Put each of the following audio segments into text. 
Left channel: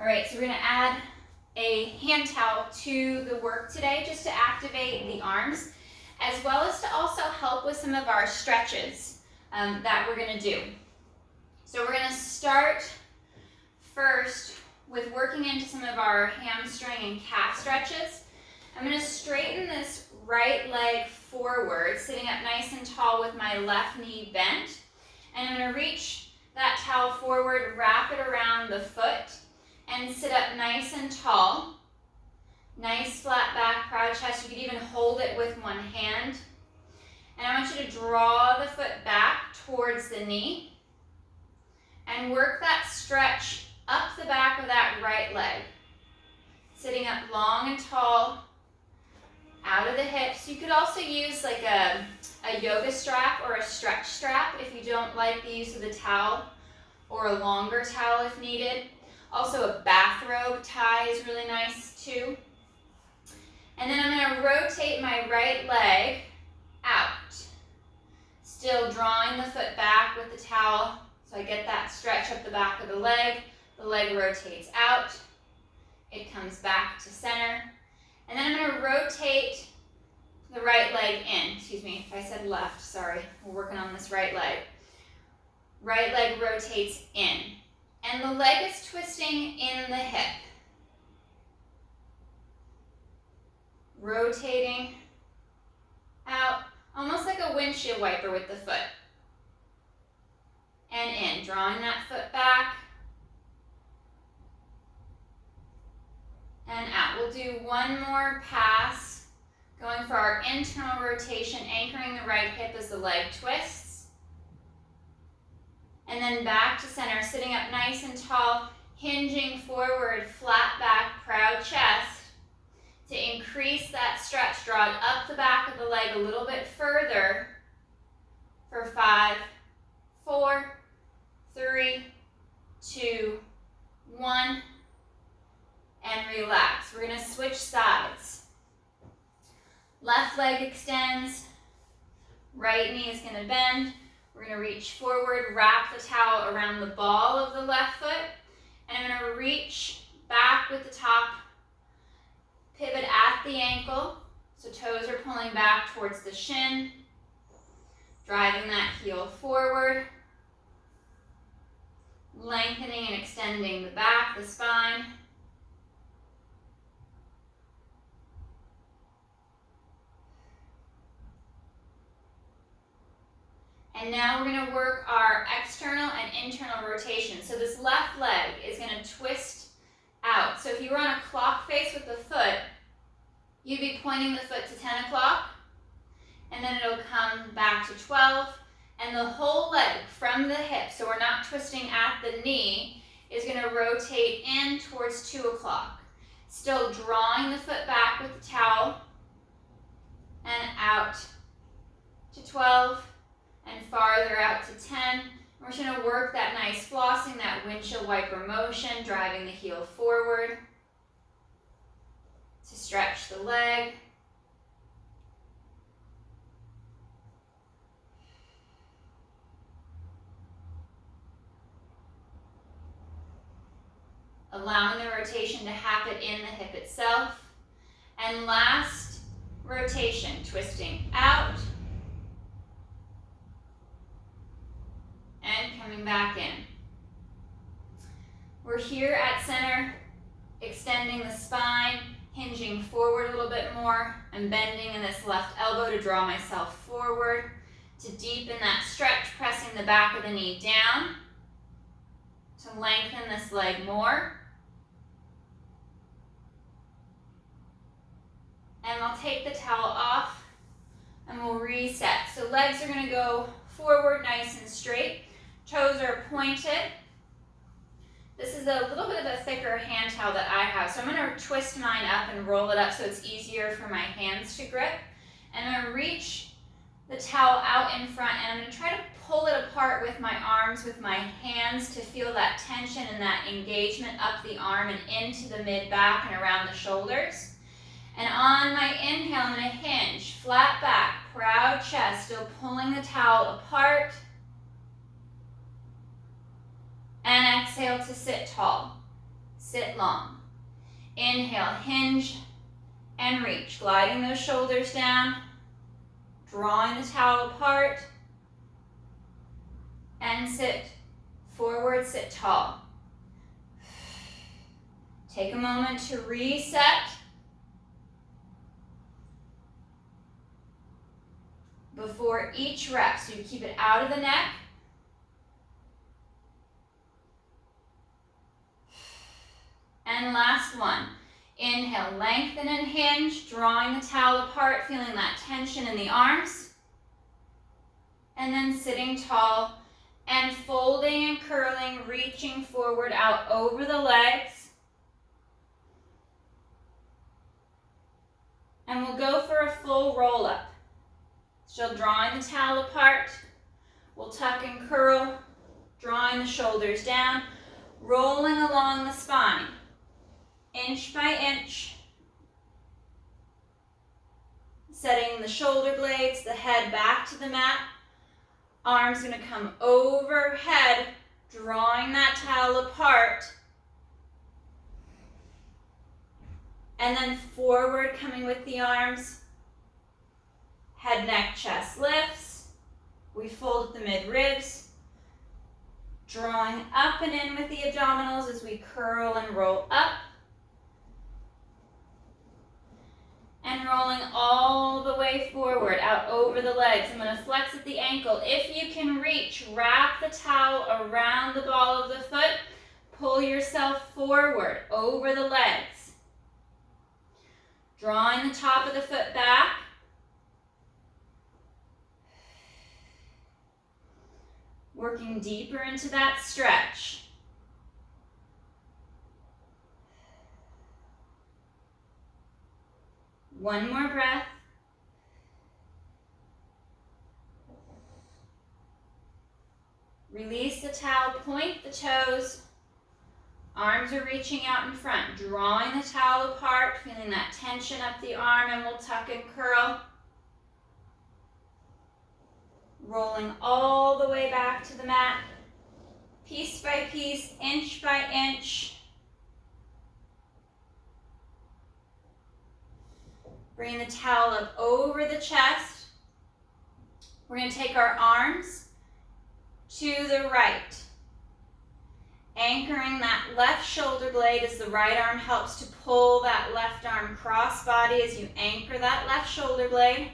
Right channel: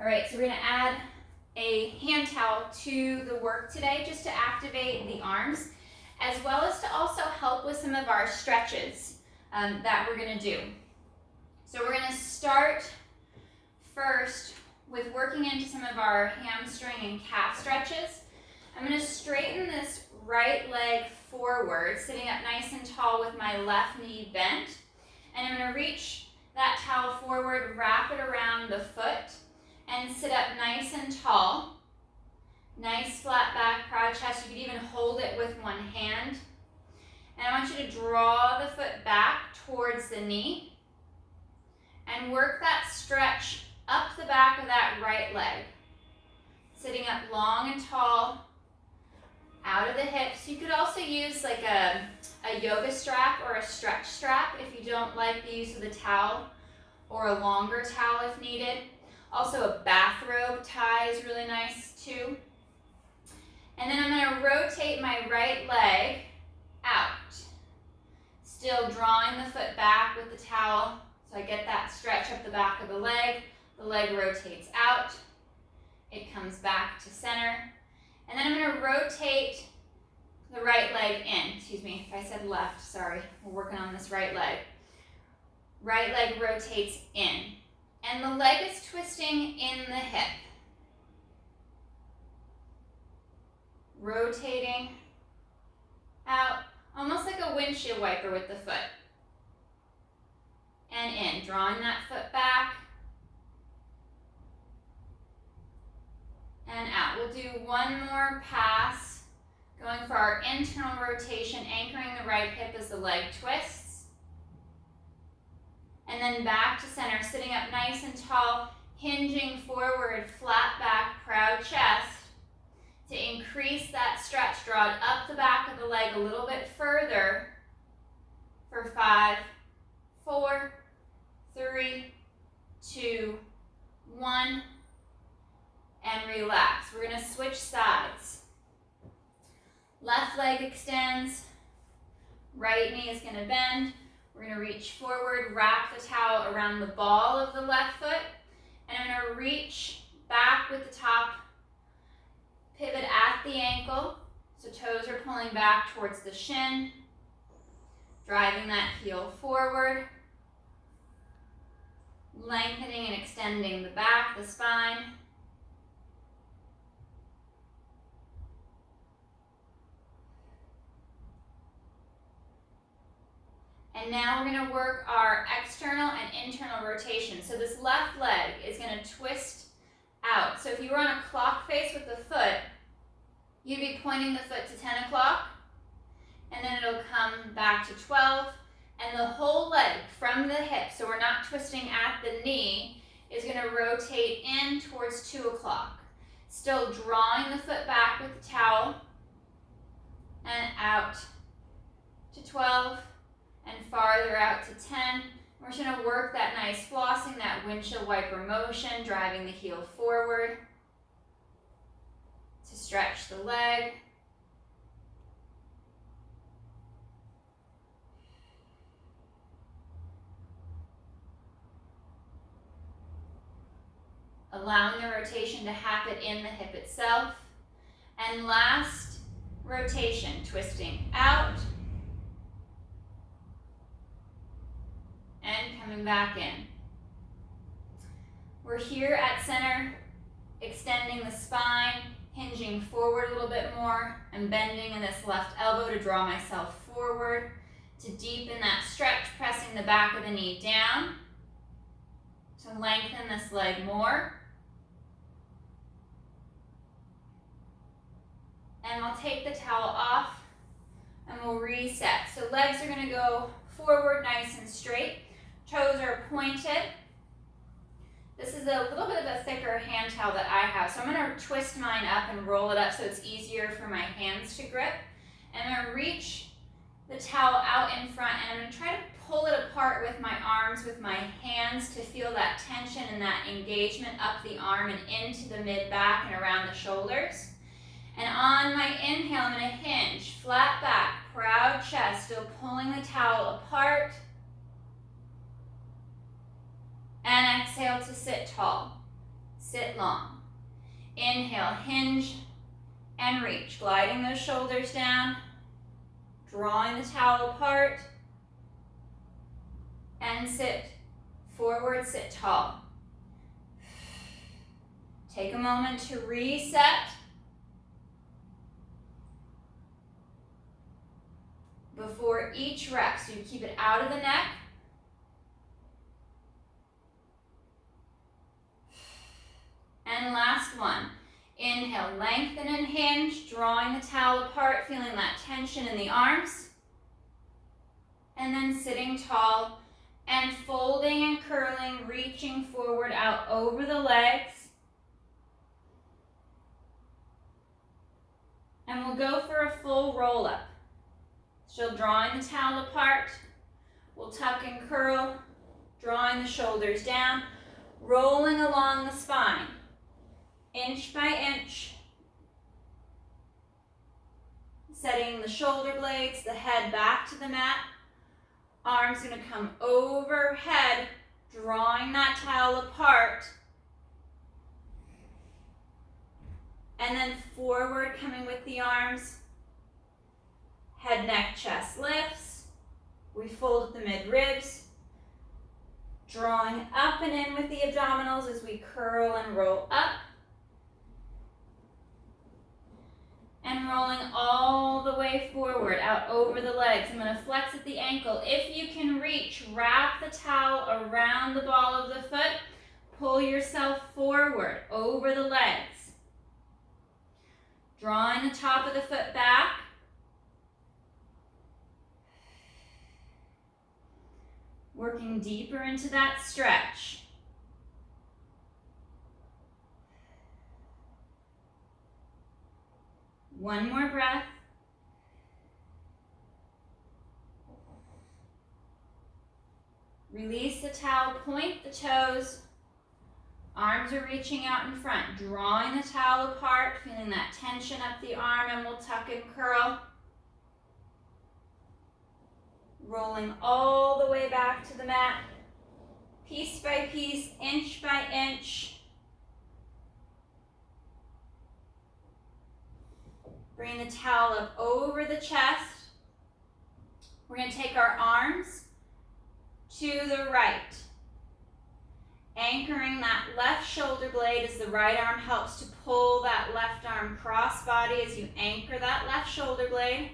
All right, so we're gonna add a hand towel to the work today just to activate the arms, as well as to also help with some of our stretches that we're gonna do. So we're gonna start first with working into some of our hamstring and calf stretches. I'm gonna straighten this right leg forward, sitting up nice and tall with my left knee bent. And I'm gonna reach that towel forward, wrap it around the foot, and sit up nice and tall. Nice flat back, proud chest. You could even hold it with one hand. And I want you to draw the foot back towards the knee and work that stretch up the back of that right leg. Sitting up long and tall, out of the hips. You could also use like a yoga strap or a stretch strap if you don't like the use of the towel, or a longer towel if needed. Also a bathrobe tie is really nice too. And then I'm going to rotate my right leg out. Still drawing the foot back with the towel so I get that stretch up the back of the leg. The leg rotates out. It comes back to center. And then I'm going to rotate the right leg in. Excuse me, if I said left, sorry. We're working on this right leg. Right leg rotates in. And the leg is twisting in the hip. Rotating out, almost like a windshield wiper with the foot. And in, drawing that foot back. And out. We'll do one more pass, going for our internal rotation, anchoring the right hip as the leg twists. And then back to center, sitting up nice and tall, hinging forward, flat back, proud chest. To increase that stretch, draw it up the back of the leg a little bit further for 5, 4, 3, 2, 1, and relax. We're gonna switch sides. Left leg extends, right knee is gonna bend. We're gonna reach forward, wrap the towel around the ball of the left foot, and I'm gonna reach back with the top, pivot at the ankle, so toes are pulling back towards the shin, driving that heel forward, lengthening and extending the back, the spine. And now we're going to work our external and internal rotation. So this left leg is going to twist out. So if you were on a clock face with the foot, you'd be pointing the foot to 10 o'clock, and then it'll come back to 12, and the whole leg from the hip, so we're not twisting at the knee, is going to rotate in towards 2 o'clock. Still drawing the foot back with the towel, and out to 12, and farther out to 10. We're just going to work that nice flossing, that windshield wiper motion, driving the heel forward to stretch the leg. Allowing the rotation to happen in the hip itself. And last rotation, twisting out and coming back in. We're here at center, extending the spine, hinging forward a little bit more. I'm bending in this left elbow to draw myself forward, to deepen that stretch, pressing the back of the knee down, to lengthen this leg more. And I'll take the towel off and we'll reset. So legs are going to go forward nice and straight. Toes are pointed. This is a little bit of a thicker hand towel that I have. So I'm going to twist mine up and roll it up so it's easier for my hands to grip. And I'm going to reach the towel out in front, and I'm going to try to pull it apart with my arms, with my hands, to feel that tension and that engagement up the arm and into the mid-back and around the shoulders. And on my inhale, I'm going to hinge, flat back, proud chest, still pulling the towel apart. And exhale to sit tall. sit long. Inhale, hinge and reach, gliding those shoulders down, drawing the towel apart, and sit forward, sit tall. Take a moment to reset. Before each rep, so you keep it out of the neck. And last one. Inhale, lengthen and hinge, drawing the towel apart, feeling that tension in the arms. And then sitting tall and folding and curling, reaching forward out over the legs. And we'll go for a full roll up. So drawing the towel apart, we'll tuck and curl, drawing the shoulders down, rolling along the spine, inch by inch, setting the shoulder blades, the head back to the mat, arms gonna come overhead, drawing that towel apart, and then forward, coming with the arms. Head, neck, chest lifts. We fold at the mid-ribs. Drawing up and in with the abdominals as we curl and roll up. And rolling all the way forward, out over the legs. I'm going to flex at the ankle. If you can reach, wrap the towel around the ball of the foot. Pull yourself forward, over the legs. Drawing the top of the foot back. Working deeper into that stretch. One more breath. Release the towel, point the toes. Arms are reaching out in front, drawing the towel apart, feeling that tension up the arm, and we'll tuck and curl. Rolling all the way back to the mat, piece by piece, inch by inch. Bring the towel up over the chest. We're going to take our arms to the right, anchoring that left shoulder blade as the right arm helps to pull that left arm cross body as you anchor that left shoulder blade,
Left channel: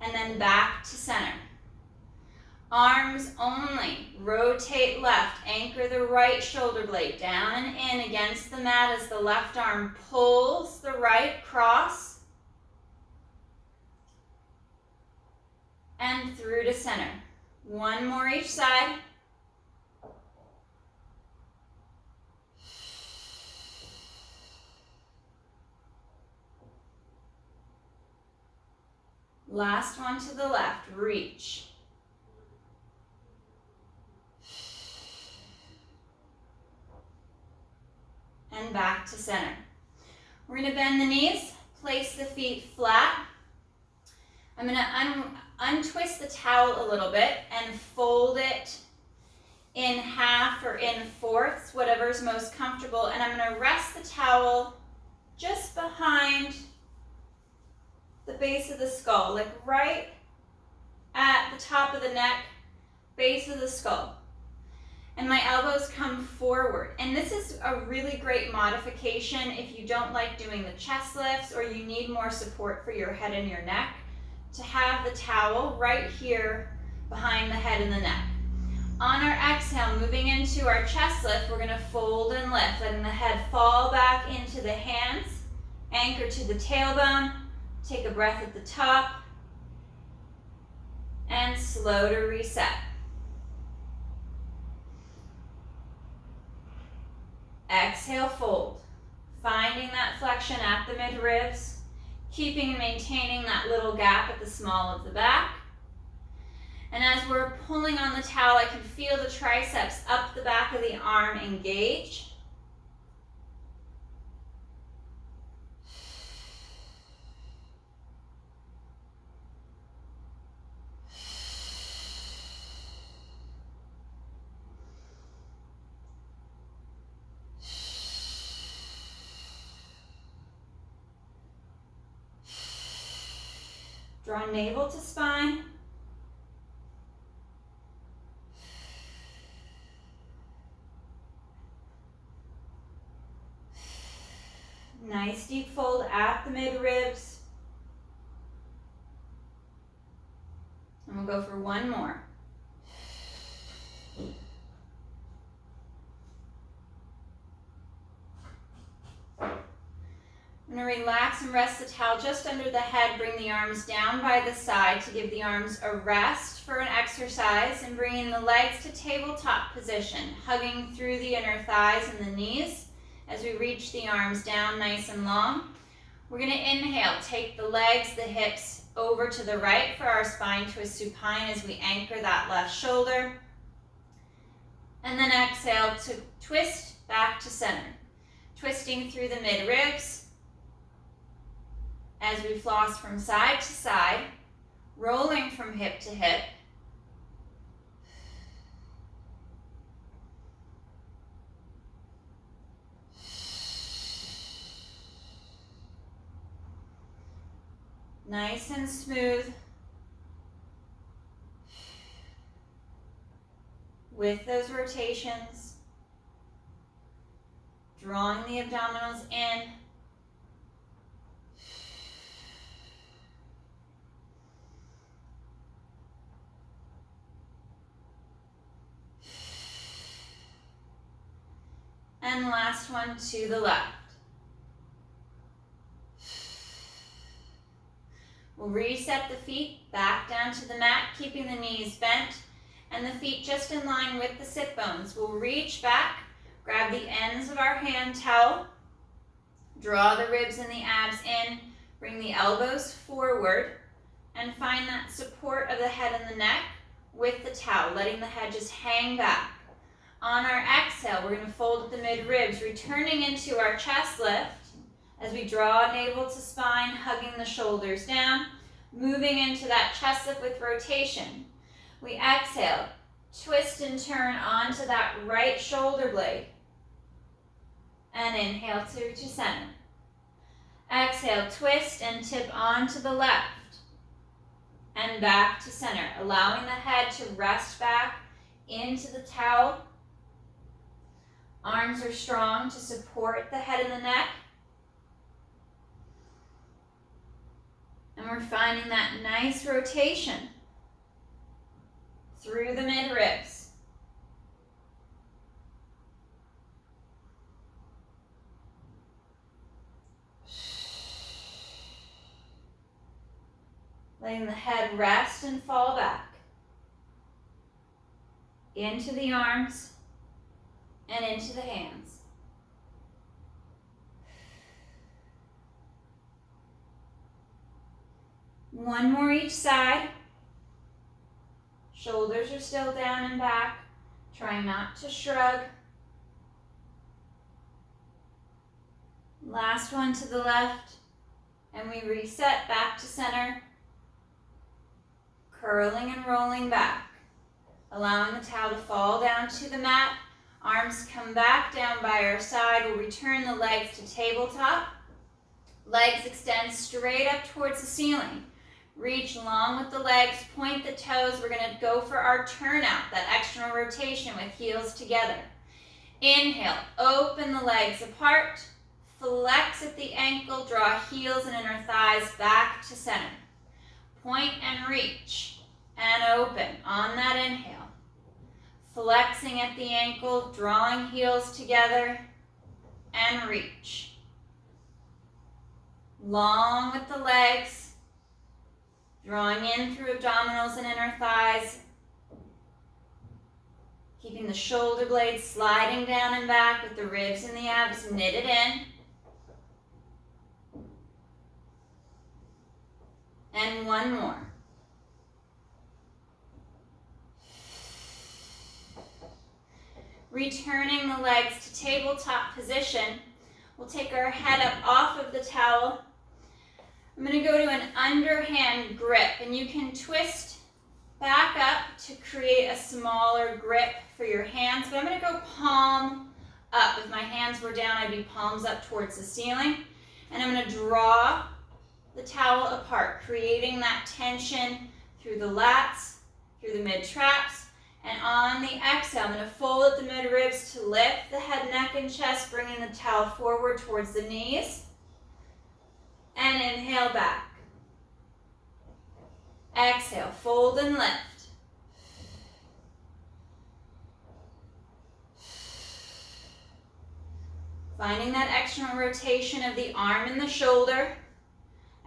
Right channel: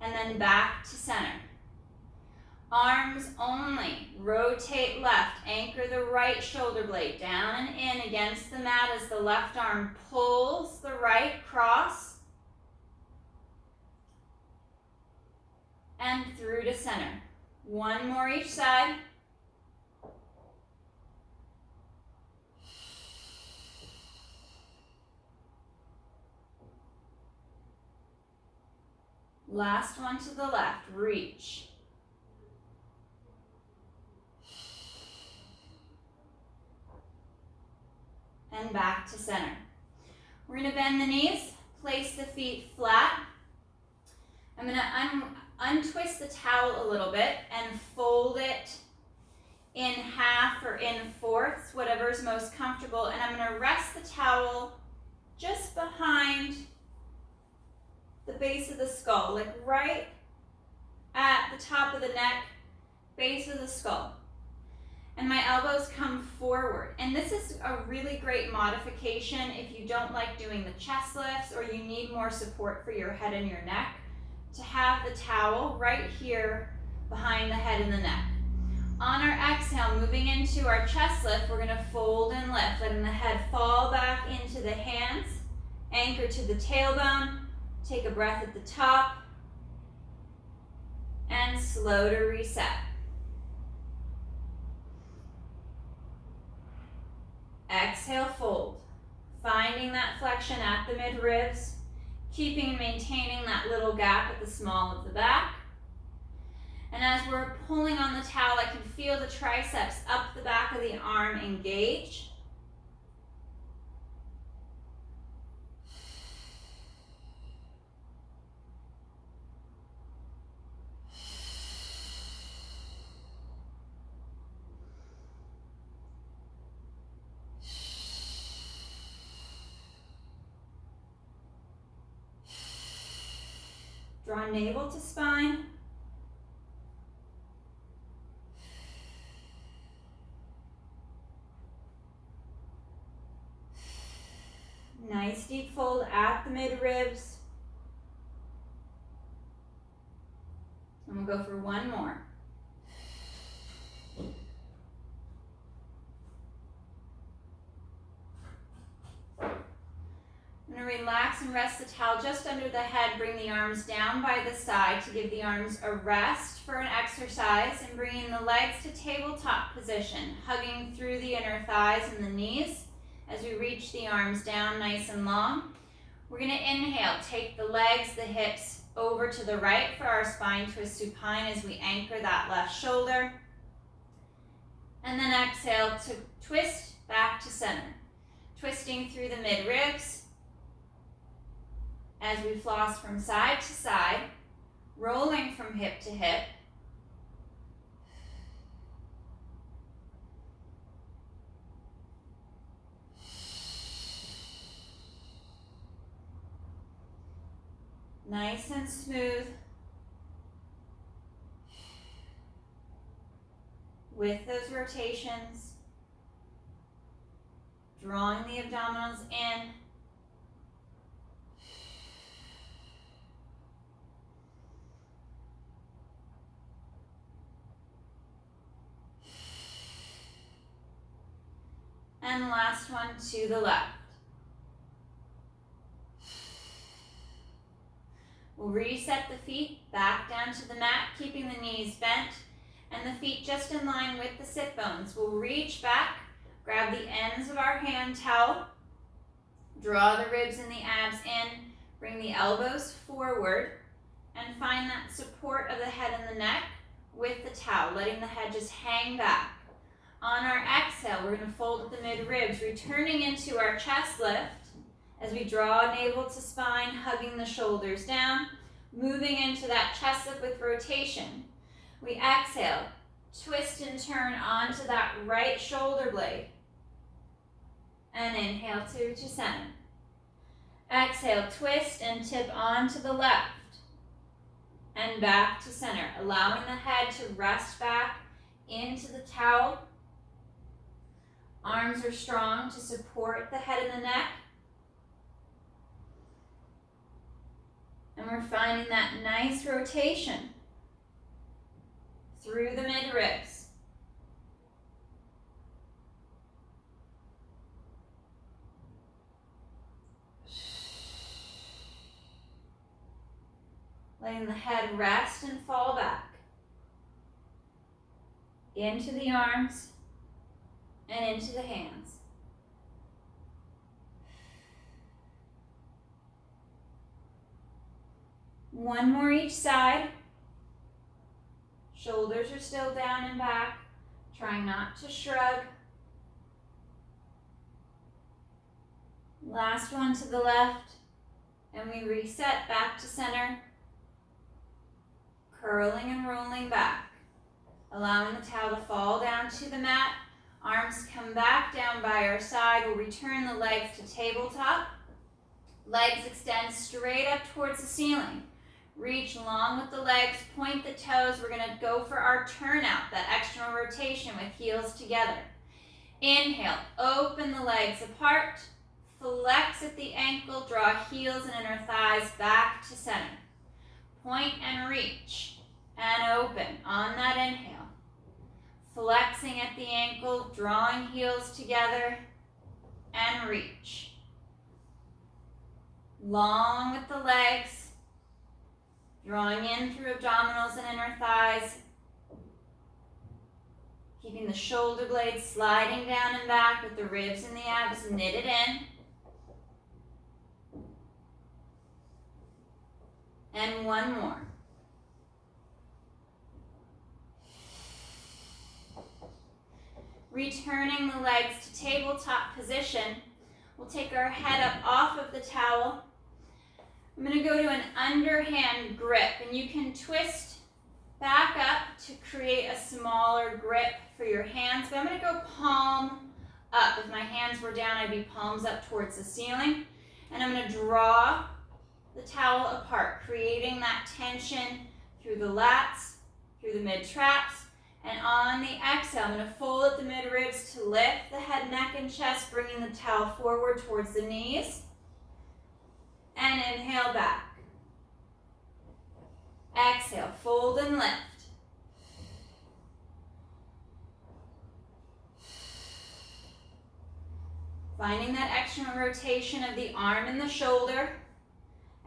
and then back to center. Arms only, rotate left, anchor the right shoulder blade down and in against the mat as the left arm pulls the right cross and through to center. One more each side. Last one to the left, reach. And back to center. We're going to bend the knees, place the feet flat. I'm going to untwist the towel a little bit and fold it in half or in fourths, whatever's most comfortable. And I'm going to rest the towel just behind the base of the skull, like right at the top of the neck, base of the skull. And my elbows come forward. And this is a really great modification if you don't like doing the chest lifts or you need more support for your head and your neck, to have the towel right here behind the head and the neck. On our exhale, moving into our chest lift, we're gonna fold and lift, letting the head fall back into the hands, anchor to the tailbone, take a breath at the top, and slow to reset. Exhale, fold. Finding that flexion at the mid-ribs, keeping and maintaining that little gap at the small of the back. And as we're pulling on the towel, I can feel the triceps up the back of the arm engage. Draw navel to spine. Nice deep fold at the mid-ribs. And we'll go for one more. I'm going to relax and rest the towel just under the head. Bring the arms down by the side to give the arms a rest for an exercise, and bringing the legs to tabletop position, hugging through the inner thighs and the knees as we reach the arms down nice and long. We're going to inhale, take the legs, the hips over to the right for our spine twist supine as we anchor that left shoulder. And then exhale to twist back to center, twisting through the mid-ribs as we floss from side to side, rolling from hip to hip. Nice and smooth. With those rotations, drawing the abdominals in. And last one to the left. We'll reset the feet back down to the mat, keeping the knees bent and the feet just in line with the sit bones. We'll reach back, grab the ends of our hand towel, draw the ribs and the abs in, bring the elbows forward, and find that support of the head and the neck with the towel, letting the head just hang back. On our exhale, we're going to fold at the mid-ribs, returning into our chest lift as we draw navel to spine, hugging the shoulders down, moving into that chest lift with rotation. We exhale, twist and turn onto that right shoulder blade, and inhale to center. Exhale, twist and tip onto the left, and back to center, allowing the head to rest back into the towel. Arms are strong to support the head and the neck. And we're finding that nice rotation through the mid-ribs. Letting the head rest and fall back into the arms and into the hands. One more each side. Shoulders are still down and back. Trying not to shrug. Last one to the left. And we reset back to center. Curling and rolling back. Allowing the towel to fall down to the mat. Arms come back down by our side. We'll return the legs to tabletop. Legs extend straight up towards the ceiling. Reach long with the legs, point the toes. We're going to go for our turnout, that external rotation with heels together. Inhale, open the legs apart. Flex at the ankle, draw heels and inner thighs back to center. Point and reach and open on that inhale. Flexing at the ankle, drawing heels together, and reach. Long with the legs, drawing in through abdominals and inner thighs, keeping the shoulder blades sliding down and back with the ribs and the abs knitted in. And one more. Returning the legs to tabletop position. We'll take our head up off of the towel. I'm going to go to an underhand grip, and you can twist back up to create a smaller grip for your hands, but I'm going to go palm up. If my hands were down, I'd be palms up towards the ceiling, and I'm going to draw the towel apart, creating that tension through the lats, through the mid-traps, and on the exhale, I'm going to fold at the mid-ribs to lift the head, neck, and chest, bringing the towel forward towards the knees, and inhale back. Exhale, fold and lift. Finding that external rotation of the arm and the shoulder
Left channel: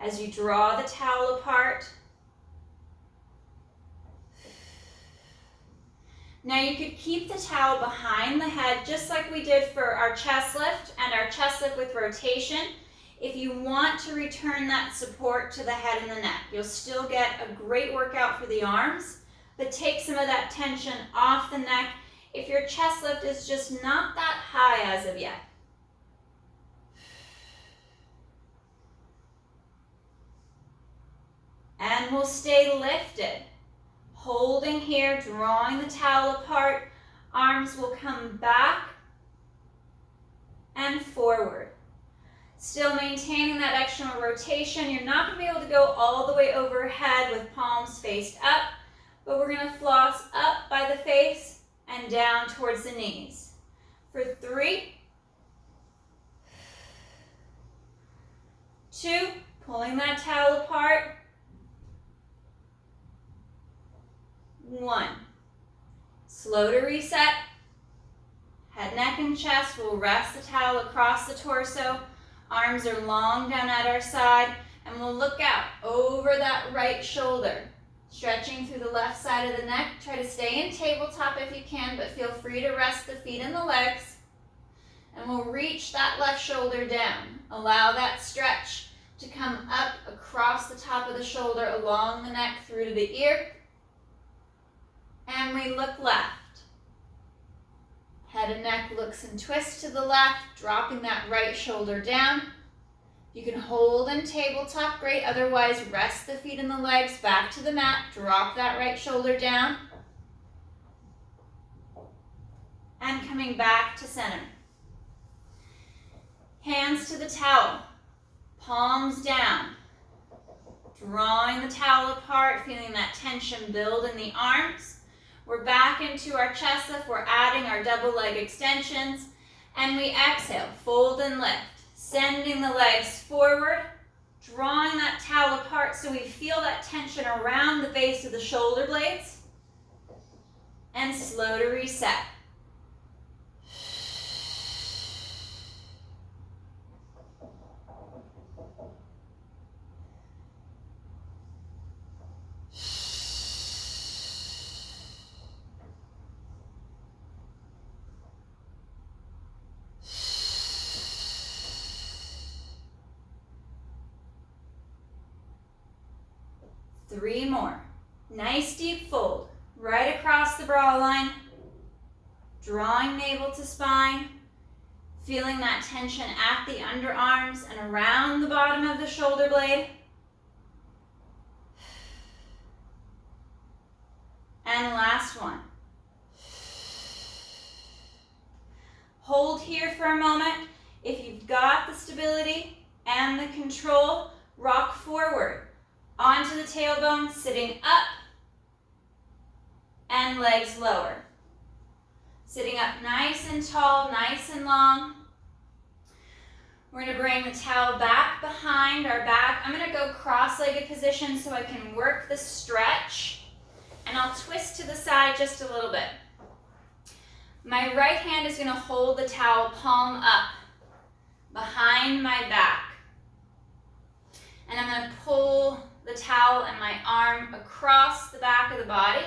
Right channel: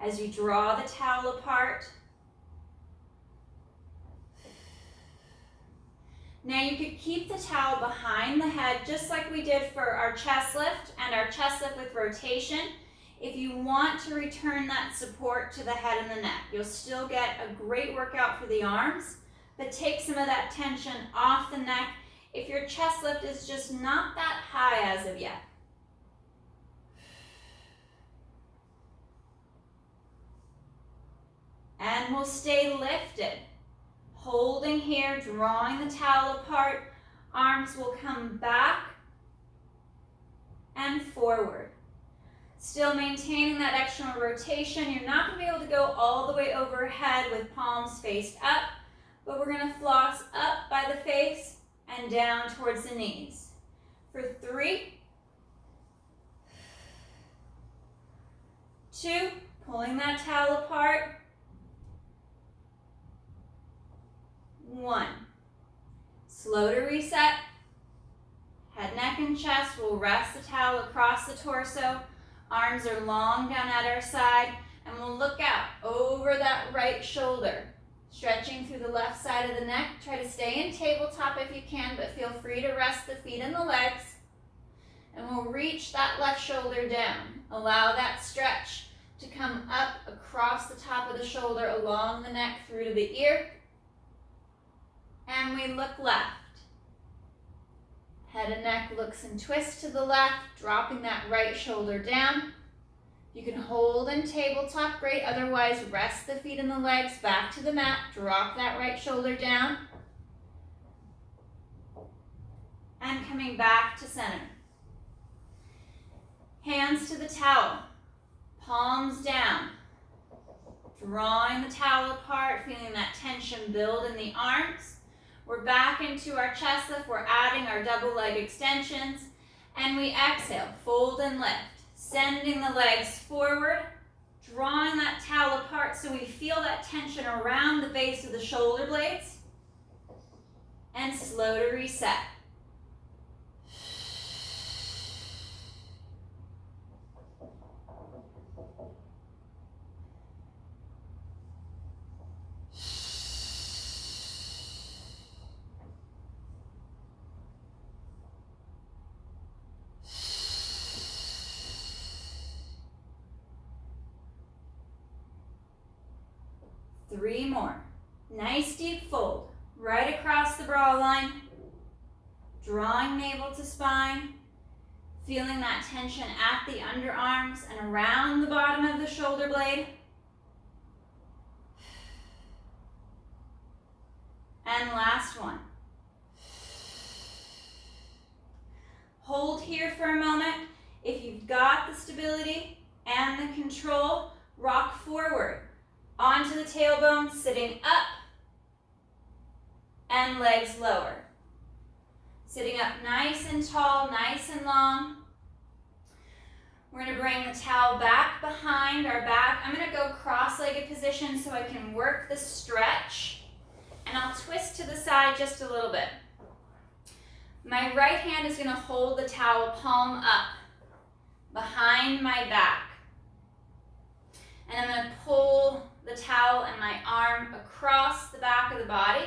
as you draw the towel apart. Now you could keep the towel behind the head just like we did for our chest lift and our chest lift with rotation. If you want to return that support to the head and the neck, you'll still get a great workout for the arms, but take some of that tension off the neck if your chest lift is just not that high as of yet. And we'll stay lifted. Holding here, drawing the towel apart. Arms will come back and forward. Still maintaining that external rotation. You're not going to be able to go all the way overhead with palms faced up, but we're going to floss up by the face and down towards the knees. For 3, 2, pulling that towel apart. 1. Slow to reset. Head, neck, and chest. We'll rest the towel across the torso. Arms are long down at our side. And we'll look out over that right shoulder. Stretching through the left side of the neck. Try to stay in tabletop if you can, but feel free to rest the feet and the legs. And we'll reach that left shoulder down. Allow that stretch to come up across the top of the shoulder, along the neck, through to the ear. And we look left. Head and neck looks and twists to the left, dropping that right shoulder down. You can hold in tabletop, great. Otherwise, rest the feet and the legs back to the mat. Drop that right shoulder down. And coming back to center. Hands to the towel. Palms down. Drawing the towel apart, feeling that tension build in the arms. We're back into our chest lift. We're adding our double leg extensions. And we exhale, fold and lift. Sending the legs forward, drawing that towel apart so we feel that tension around the base of the shoulder blades. And slow to reset. Three more. Nice deep fold. Right across the brow line. Drawing navel to spine. Feeling that tension at the underarms and around the bottom of the shoulder blade. And last one. Hold here for a moment. If you've got the stability and the control, rock forward. Onto the tailbone, sitting up, and legs lower. Sitting up nice and tall, nice and long. We're going to bring the towel back behind our back. I'm going to go cross-legged position so I can work the stretch. And I'll twist to the side just a little bit. My right hand is going to hold the towel palm up behind my back. And I'm going to pull the towel and my arm across the back of the body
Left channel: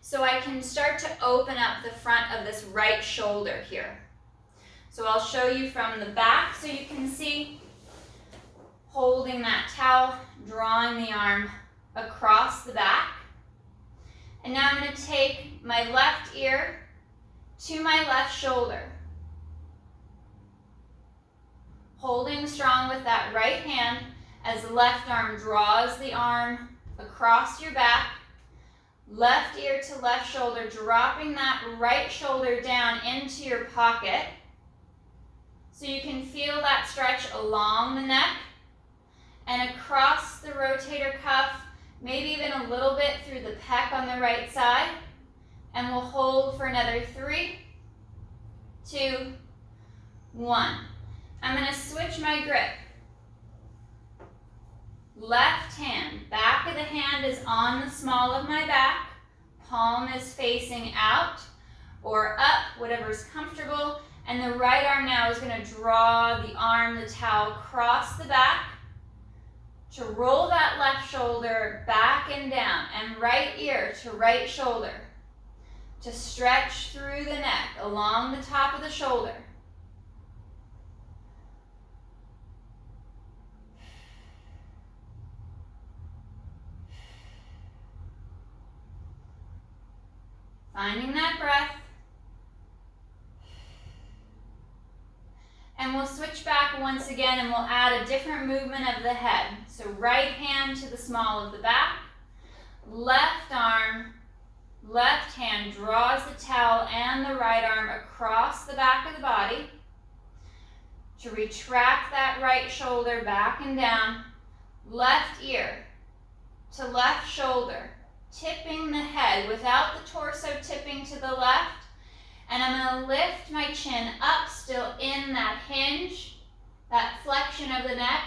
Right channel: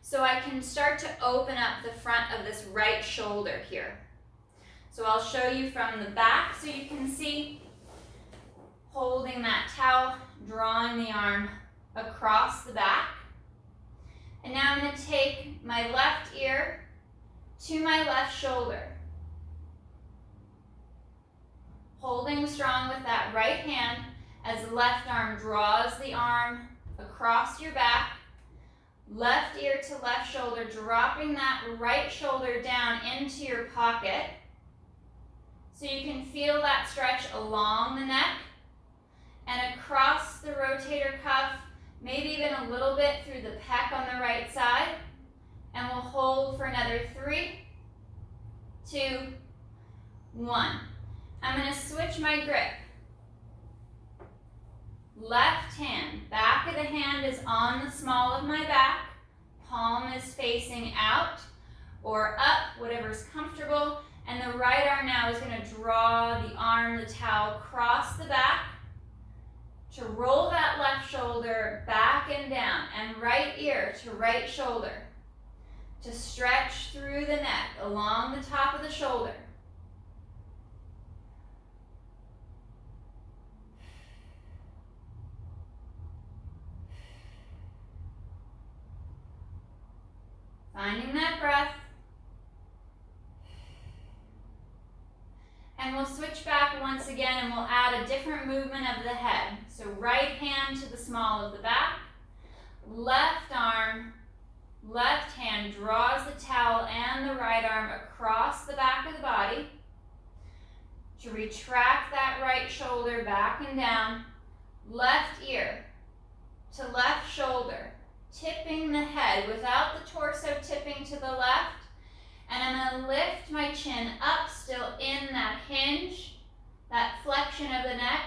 so I can start to open up the front of this right shoulder here. So I'll show you from the back so you can see, holding that towel, drawing the arm across the back. And now I'm going to take my left ear to my left shoulder. Holding strong with that right hand as the left arm draws the arm across your back. Left ear to left shoulder, dropping that right shoulder down into your pocket. So you can feel that stretch along the neck. and across the rotator cuff, maybe even a little bit through the pec on the right side. And we'll hold for another 3, 2, 1. I'm going to switch my grip. Left hand, back of the hand is on the small of my back. Palm is facing out or up, whatever's comfortable. And the right arm now is going to draw the arm, the towel, across the back to roll that left shoulder back and down, and right ear to right shoulder to stretch through the neck along the top of the shoulder. Finding that breath. And we'll switch back once again and we'll add a different movement of the head. So right hand to the small of the back, left arm, left hand draws the towel and the right arm across the back of the body to retract that right shoulder back and down, left ear to left shoulder, tipping the head without the torso tipping to the left. And I'm going to lift my chin up, still in that hinge, that flexion of the neck,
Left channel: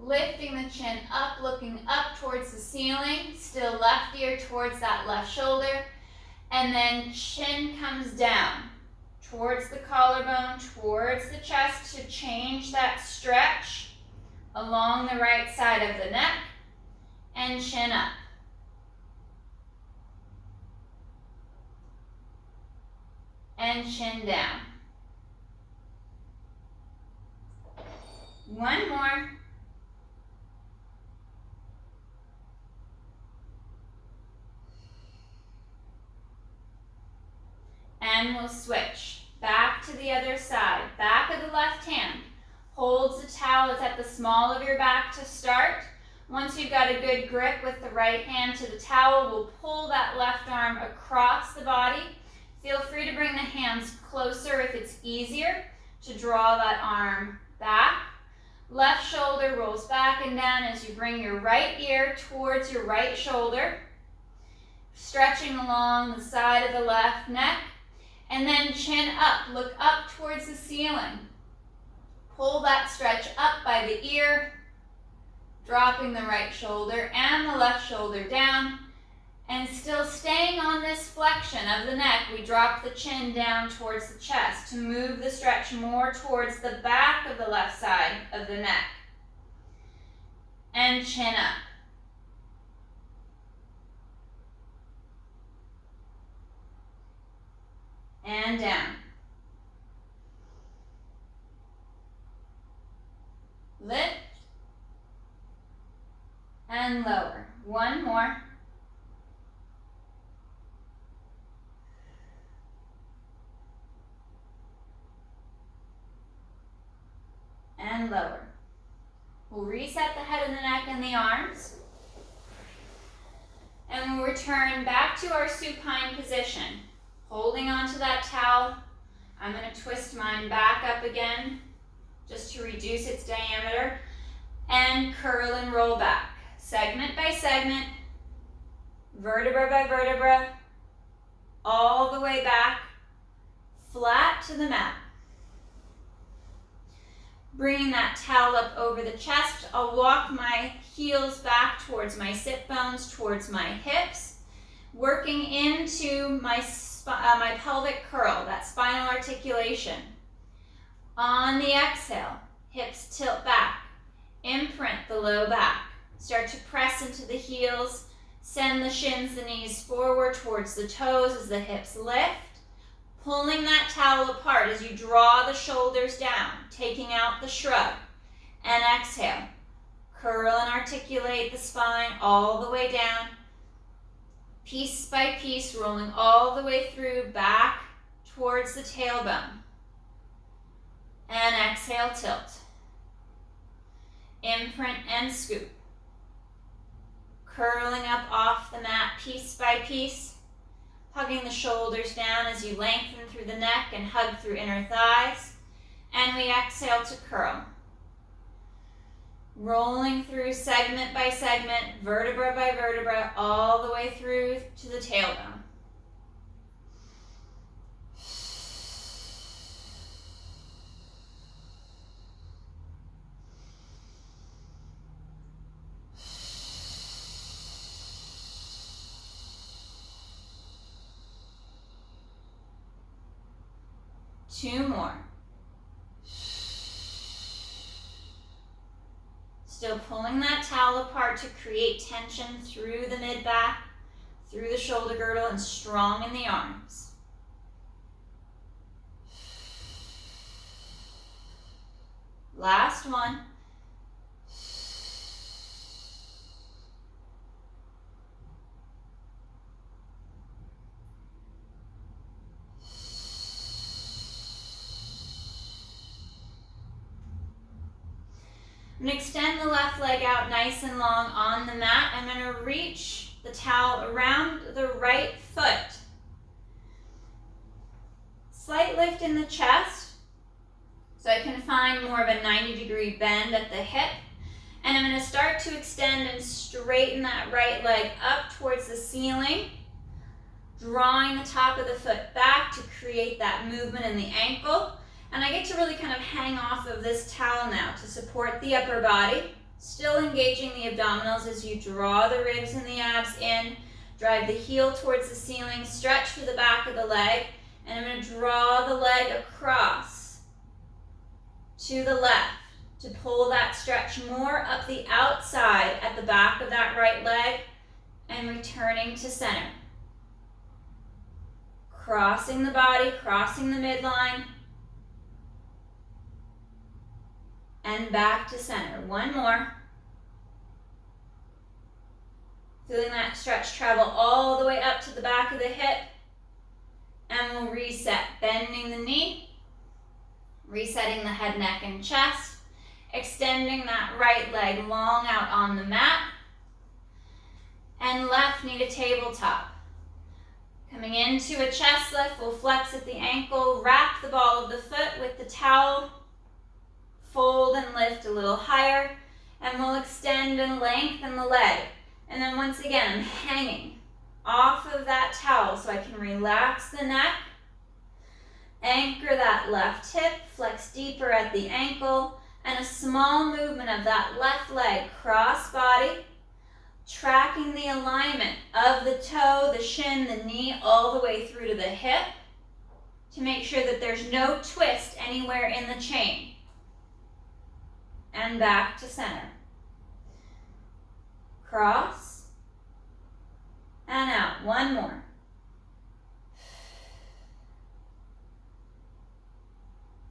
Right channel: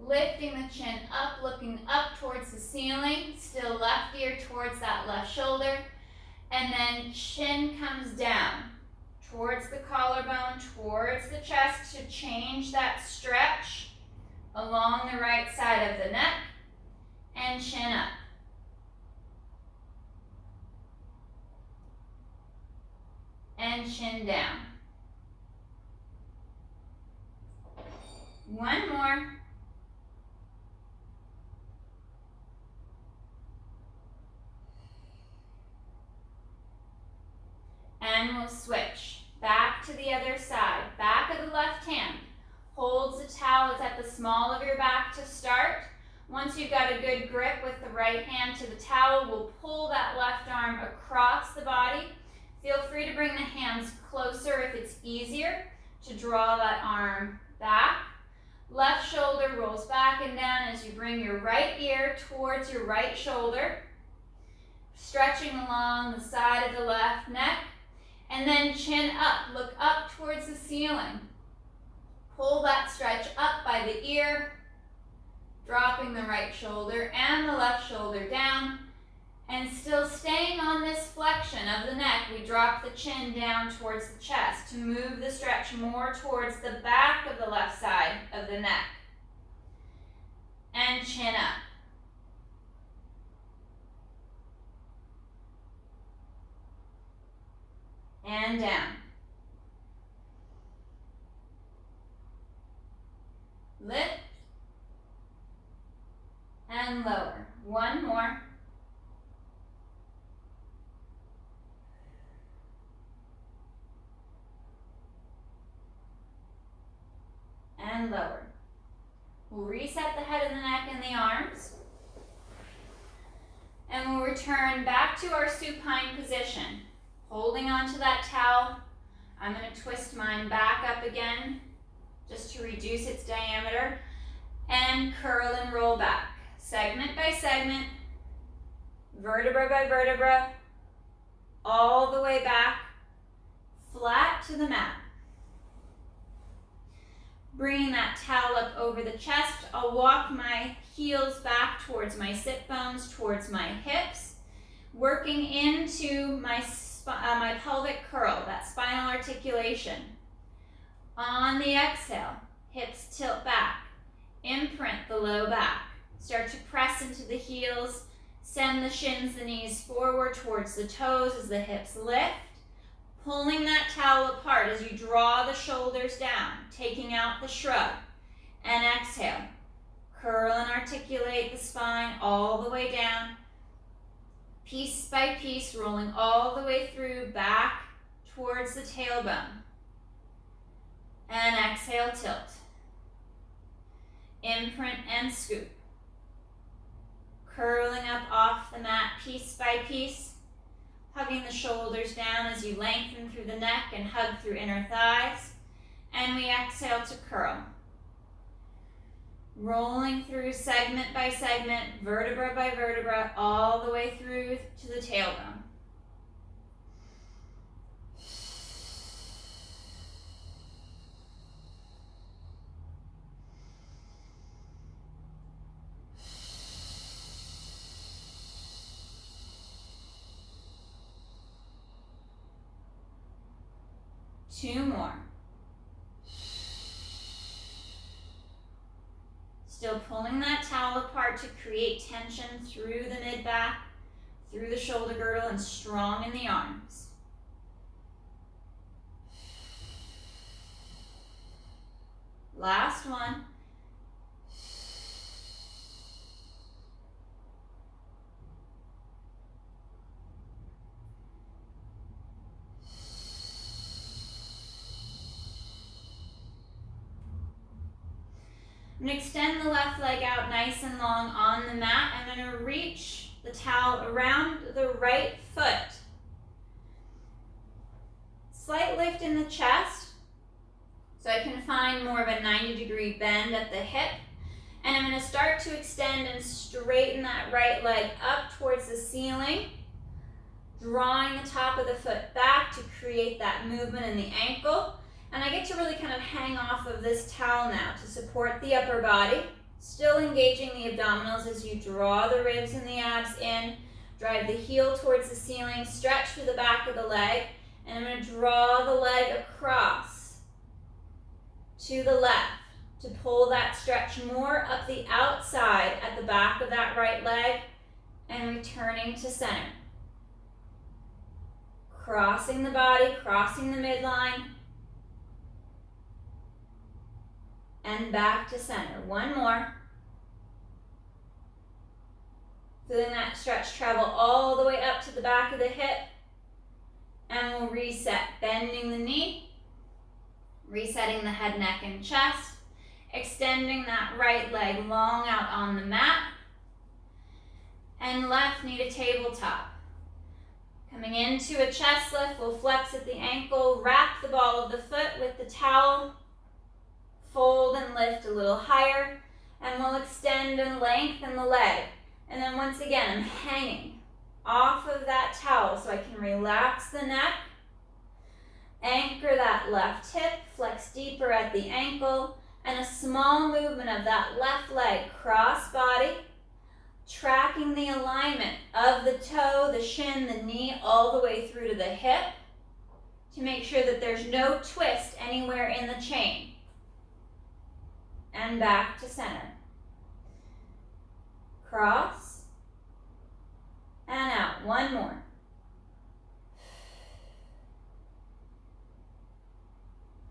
lifting the chin up, looking up towards the ceiling, still left ear towards that left shoulder, and then chin comes down towards the collarbone, towards the chest to change that stretch along the right side of the neck, and chin up. And chin down. One more. And we'll switch. Back to the other side. Back of the left hand holds the towel. It's at the small of your back to start. Once you've got a good grip with the right hand to the towel, we'll pull that left arm across the body. Feel free to bring the hands closer if it's easier to draw that arm back. Left shoulder rolls back and down as you bring your right ear towards your right shoulder, stretching along the side of the left neck, and then chin up. Look up towards the ceiling. Pull that stretch up by the ear, dropping the right shoulder and the left shoulder down. And still staying on this flexion of the neck, we drop the chin down towards the chest to move the stretch more towards the back of the left side of the neck. And chin up. And down. Lift. And lower. One more. And lower. We'll reset the head and the neck and the arms. And we'll return back to our supine position. Holding onto that towel. I'm going to twist mine back up again just to reduce its diameter. And curl and roll back. Segment by segment. Vertebra by vertebra. All the way back. Flat to the mat. Bringing that towel up over the chest, I'll walk my heels back towards my sit bones, towards my hips, working into my pelvic curl, that spinal articulation. On the exhale, hips tilt back, imprint the low back. Start to press into the heels, send the shins, the knees forward towards the toes as the hips lift. Pulling that towel apart as you draw the shoulders down, taking out the shrug. And exhale. Curl and articulate the spine all the way down. Piece by piece, rolling all the way through, back towards the tailbone. And exhale, tilt. Imprint and scoop. Curling up off the mat piece by piece. Hugging the shoulders down as you lengthen through the neck and hug through inner thighs. And we exhale to curl. Rolling through segment by segment, vertebra by vertebra, all the way through to the tailbone. Two more. Still pulling that towel apart to create tension through the mid-back, through the shoulder girdle, and strong in the arms. Last one. I'm going to extend the left leg out nice and long on the mat. I'm going to reach the towel around the right foot. Slight lift in the chest, so I can find more of a 90-degree bend at the hip. And I'm going to start to extend and straighten that right leg up towards the ceiling, drawing the top of the foot back to create that movement in the ankle. And I get to really kind of hang off of this towel now to support the upper body, still engaging the abdominals as you draw the ribs and the abs in, drive the heel towards the ceiling, stretch through the back of the leg, and I'm going to draw the leg across to the left to pull that stretch more up the outside at the back of that right leg and returning to center. Crossing the body, crossing the midline, and back to center. One more. Feeling that stretch travel all the way up to the back of the hip. And we'll reset, bending the knee, resetting the head, neck, and chest, extending that right leg long out on the mat, and left knee to tabletop. Coming into a chest lift, we'll flex at the ankle, wrap the ball of the foot with the towel, fold and lift a little higher, and we'll extend and lengthen the leg. And then once again, I'm hanging off of that towel so I can relax the neck, anchor that left hip, flex deeper at the ankle, and a small movement of that left leg cross body, tracking the alignment of the toe, the shin, the knee, all the way through to the hip to make sure that there's no twist anywhere in the chain. And back to center. Cross and out. One more.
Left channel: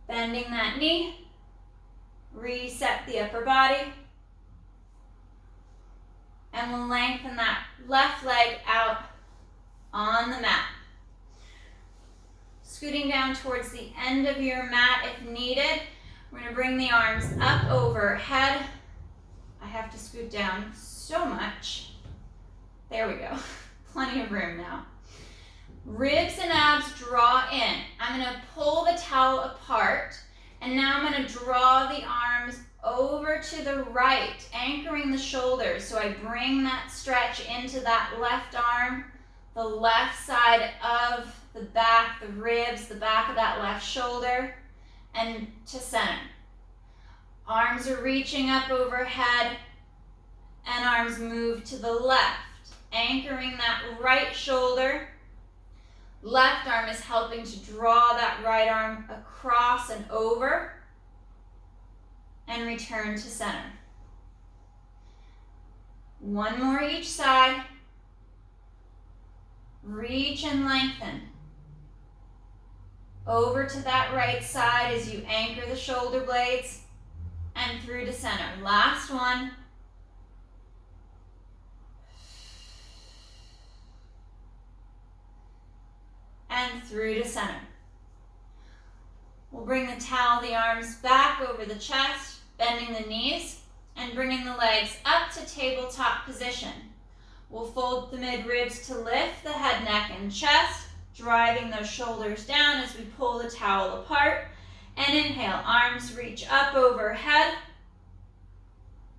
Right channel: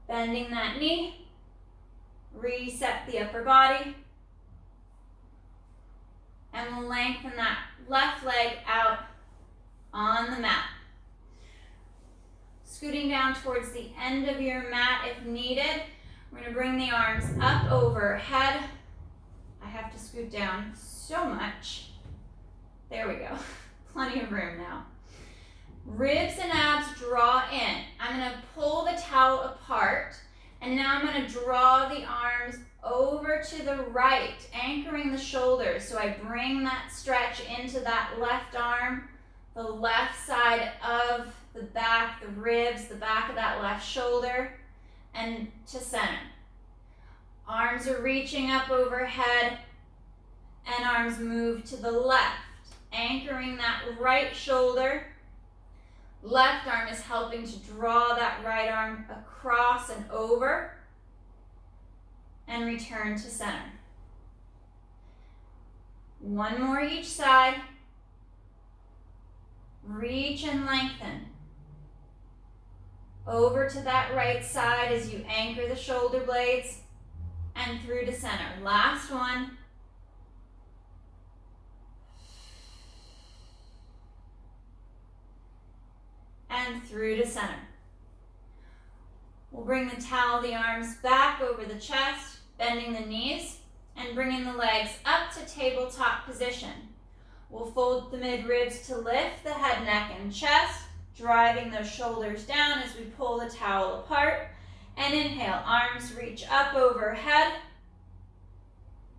Bending that knee. Reset the upper body. And we'll lengthen that left leg out on the mat. Scooting down towards the end of your mat if needed. We're going to bring the arms up overhead. I have to scoot down so much. There we go. Plenty of room now. Ribs and abs draw in. I'm going to pull the towel apart, and now I'm going to draw the arms over to the right, anchoring the shoulders. So I bring that stretch into that left arm, the left side of the back, the ribs, the back of that left shoulder, and to center. Arms are reaching up overhead, and arms move to the left, anchoring that right shoulder. Left arm is helping to draw that right arm across and over, and return to center. One more each side. Reach and lengthen. Over to that right side as you anchor the shoulder blades, and through to center. Last one. And through to center. We'll bring the towel, the arms back over the chest, bending the knees, and bringing the legs up to tabletop position. We'll fold the mid-ribs to lift the head, neck, and chest, driving those shoulders down as we pull the towel apart. And inhale, arms reach up overhead.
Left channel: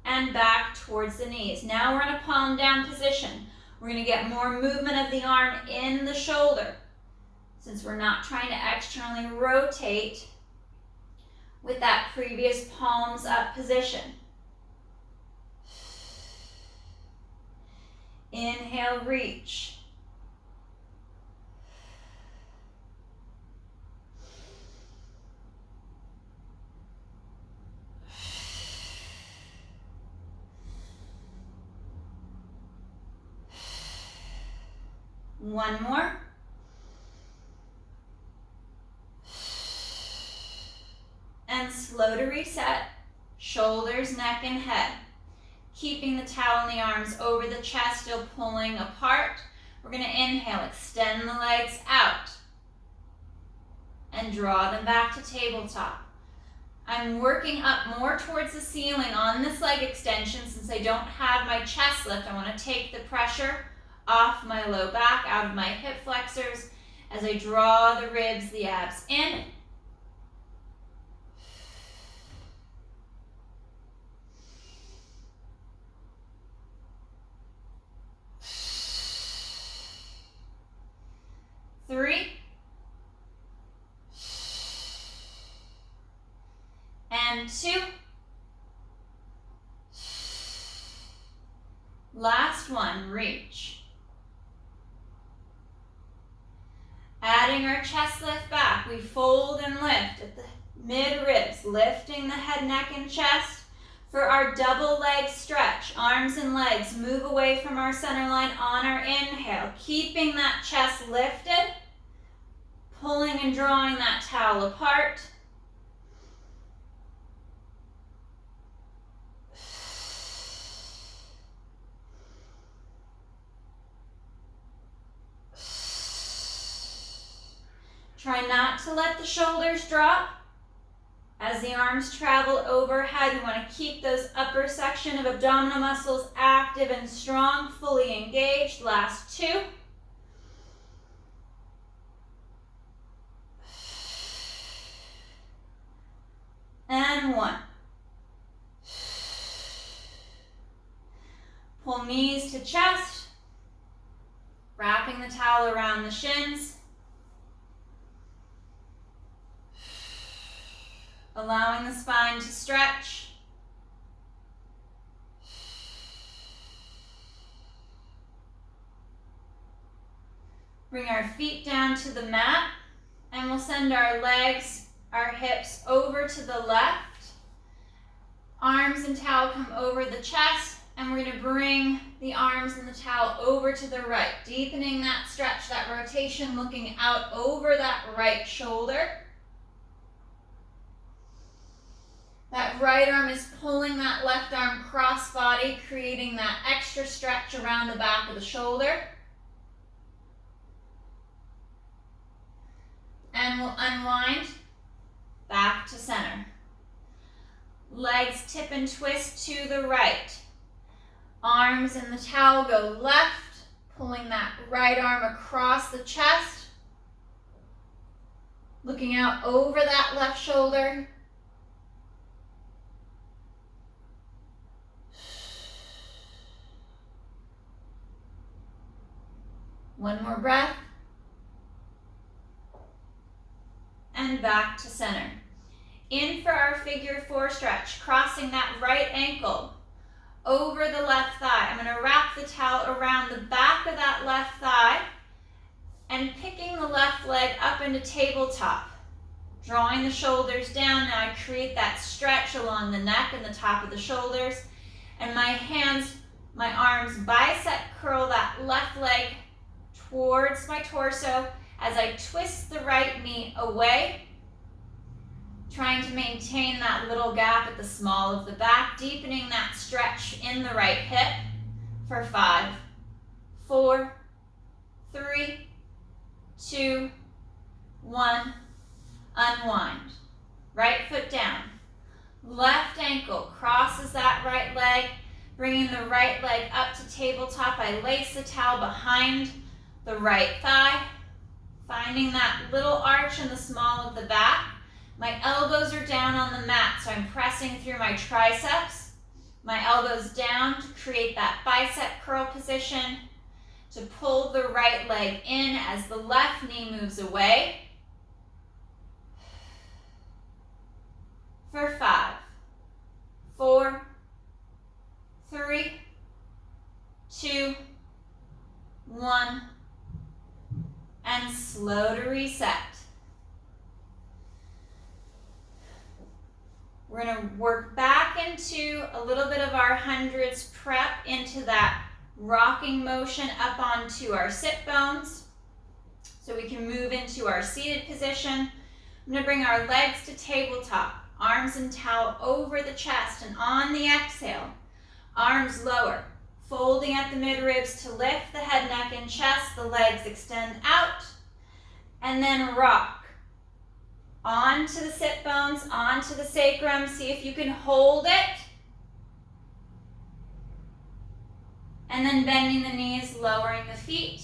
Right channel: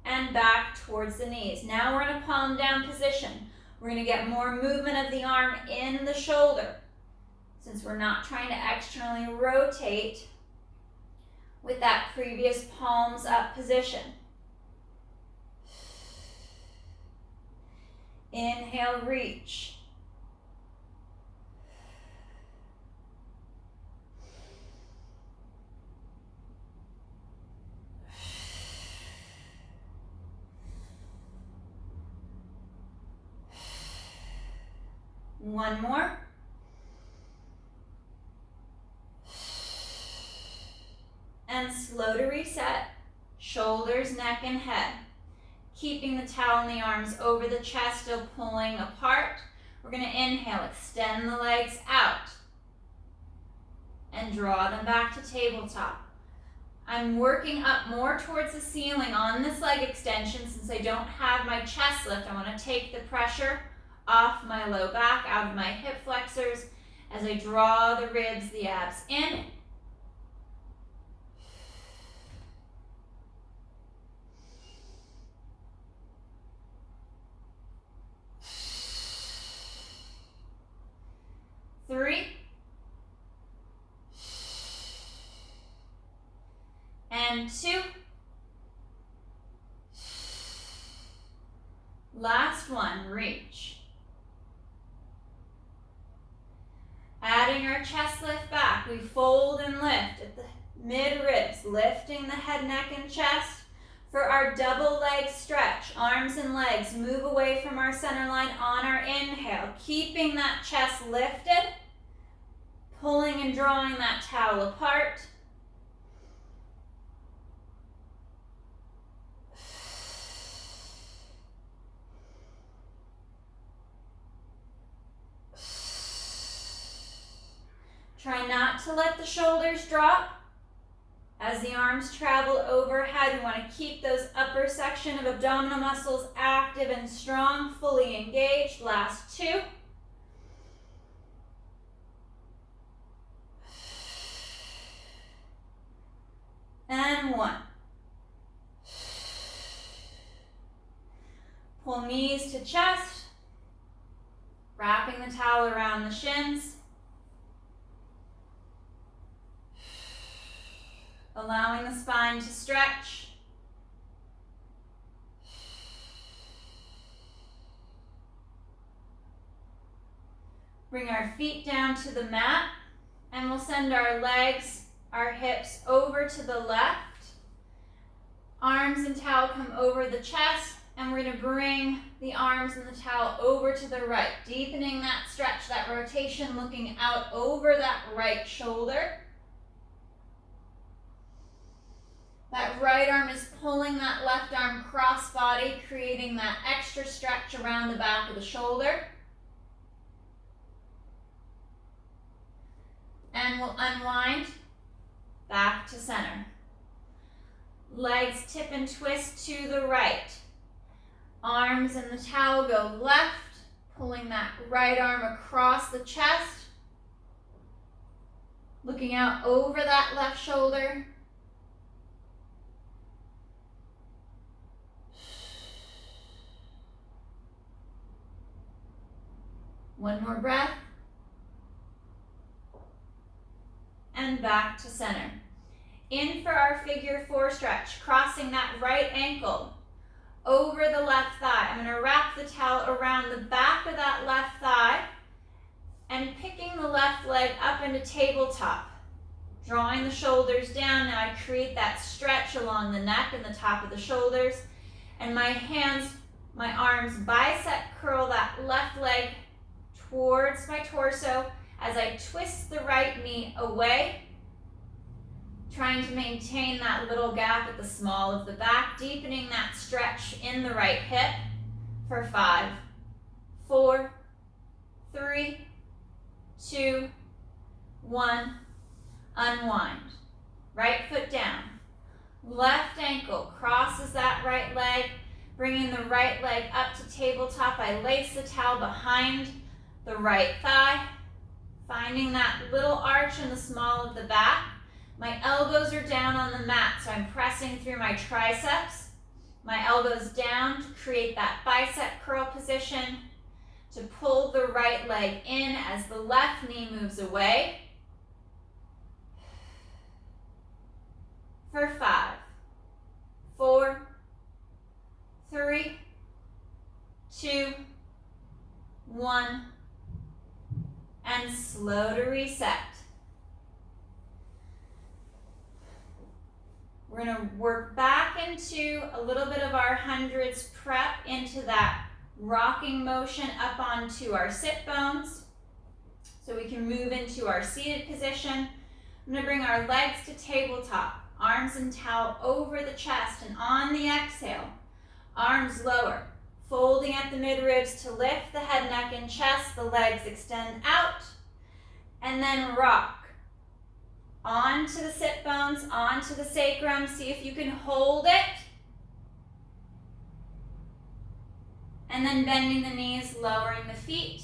and back towards the knees. Now we're in a palm down position. We're going to get more movement of the arm in the shoulder, since we're not trying to externally rotate with that previous palms up position. Inhale, reach. One more. And slow to reset, shoulders, neck, and head. Keeping the towel and the arms over the chest, still pulling apart. We're going to inhale, extend the legs out, and draw them back to tabletop. I'm working up more towards the ceiling on this leg extension since I don't have my chest lift. I want to take the pressure off my low back, out of my hip flexors, as I draw the ribs, the abs in. Three. And two. Last one, reach. Adding our chest lift back, we fold and lift at the mid ribs, lifting the head, neck, and chest. For our double leg stretch, arms and legs move away from our center line on our inhale, keeping that chest lifted, pulling and drawing that towel apart. Try not to let the shoulders drop. As the arms travel overhead, we want to keep those upper section of abdominal muscles active and strong, fully engaged. Last two. And one. Pull knees to chest, wrapping the towel around the shins. Allowing the spine to stretch. Bring our feet down to the mat, and we'll send our legs, our hips over to the left. Arms and towel come over the chest, and we're going to bring the arms and the towel over to the right, deepening that stretch, that rotation, looking out over that right shoulder. That right arm is pulling that left arm cross body, creating that extra stretch around the back of the shoulder. And we'll unwind back to center. Legs tip and twist to the right. Arms and the towel go left, pulling that right arm across the chest, looking out over that left shoulder. One more breath. And back to center. In for our figure four stretch, crossing that right ankle over the left thigh. I'm going to wrap the towel around the back of that left thigh and picking the left leg up into tabletop. Drawing the shoulders down. Now I create that stretch along the neck and the top of the shoulders. And my hands, my arms bicep curl that left leg towards my torso as I twist the right knee away, trying to maintain that little gap at the small of the back, deepening that stretch in the right hip for 5, 4, 3, 2, 1, unwind. Right foot down. Left ankle crosses that right leg, bringing the right leg up to tabletop. I lace the towel behind the right thigh, finding that little arch in the small of the back. My elbows are down on the mat, so I'm pressing through my triceps, My elbows down to create that bicep curl position, to pull the right leg in as the left knee moves away. For 5, 4, 3, 2, 1, and slow to reset. We're going to work back into a little bit of our hundreds prep into that rocking motion up onto our sit bones so we can move into our seated position. I'm going to bring our legs to tabletop, arms and towel over the chest, and on the exhale, arms lower, folding at the mid-ribs to lift the head, neck, and chest. The legs extend out, and then rock. Onto the sit bones, onto the sacrum. See if you can hold it. And then bending the knees, lowering the feet,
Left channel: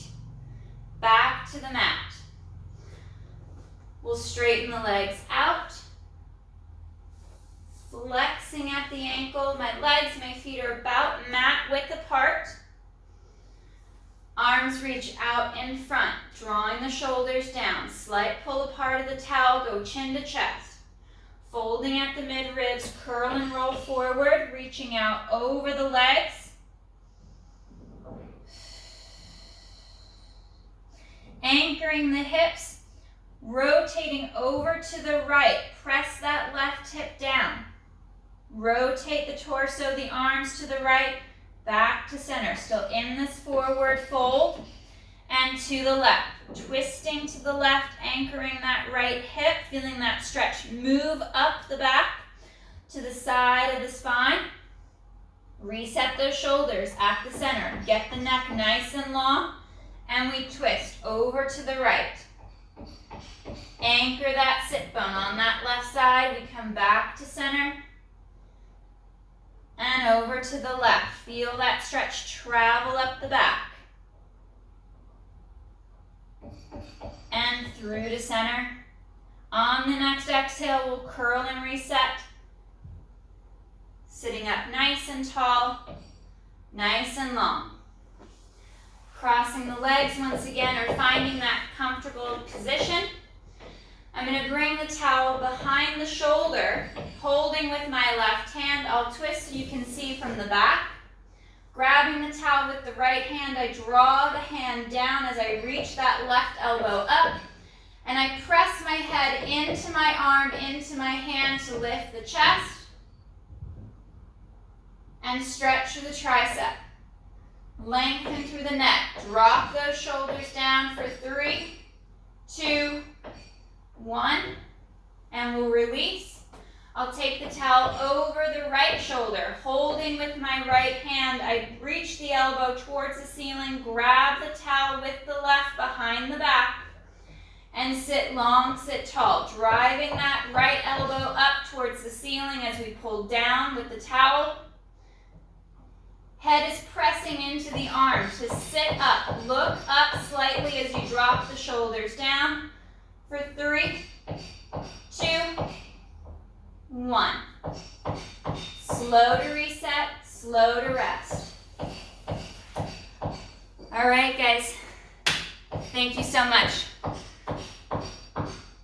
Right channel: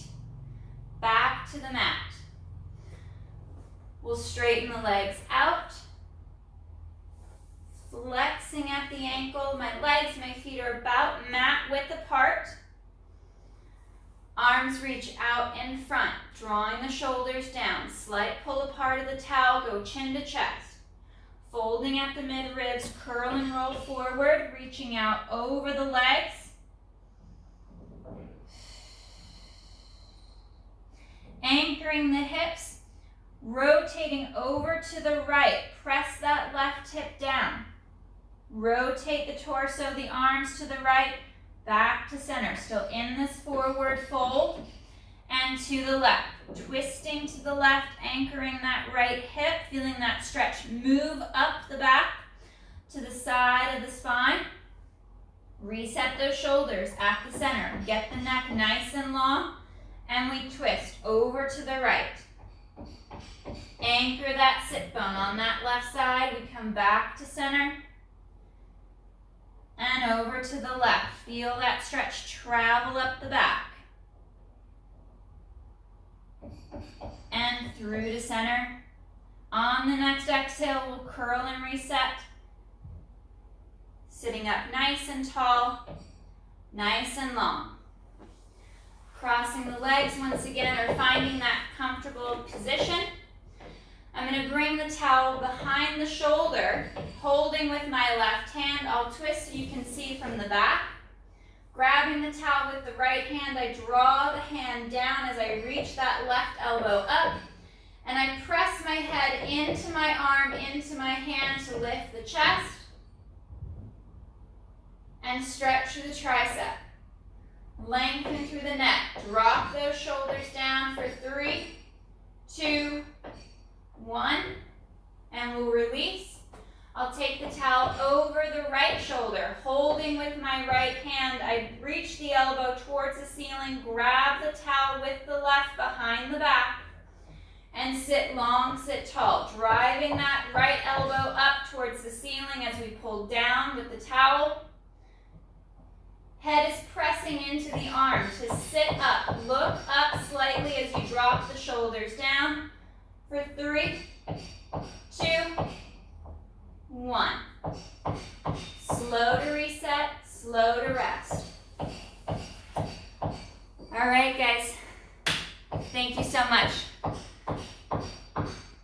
back to the mat. We'll straighten the legs out, flexing at the ankle. My legs, my feet are about mat width apart. Arms reach out in front, drawing the shoulders down. Slight pull apart of the towel, go chin to chest. Folding at the mid-ribs, curl and roll forward, reaching out over the legs. Anchoring the hips, rotating over to the right. Press that left hip down. Rotate the torso, the arms to the right. Back to center, still in this forward fold, and to the left. Twisting to the left, anchoring that right hip, feeling that stretch. Move up the back to the side of the spine. Reset those shoulders at the center. Get the neck nice and long, and we twist over to the right. Anchor that sit bone on that left side. We come back to center. And over to the left. Feel that stretch travel up the back. And through to center. On the next exhale, we'll curl and reset. Sitting up nice and tall, nice and long. Crossing the legs once again, or finding that comfortable position. I'm going to bring the towel behind the shoulder, holding with my left hand. I'll twist so you can see from the back. Grabbing the towel with the right hand, I draw the hand down as I reach that left elbow up, and I press my head into my arm, into my hand to lift the chest, and stretch through the tricep. Lengthen through the neck. Drop those shoulders down for 3, 2, 1, and we'll release. I'll take the towel over the right shoulder, holding with my right hand. I reach the elbow towards the ceiling, grab the towel with the left behind the back, and sit long, sit tall, driving that right elbow up towards the ceiling as we pull down with the towel. Head is pressing into the arms to sit up. Look up slightly as you drop the shoulders down. For 3, 2, 1. Slow to reset, slow to rest. All right, guys. Thank you so much.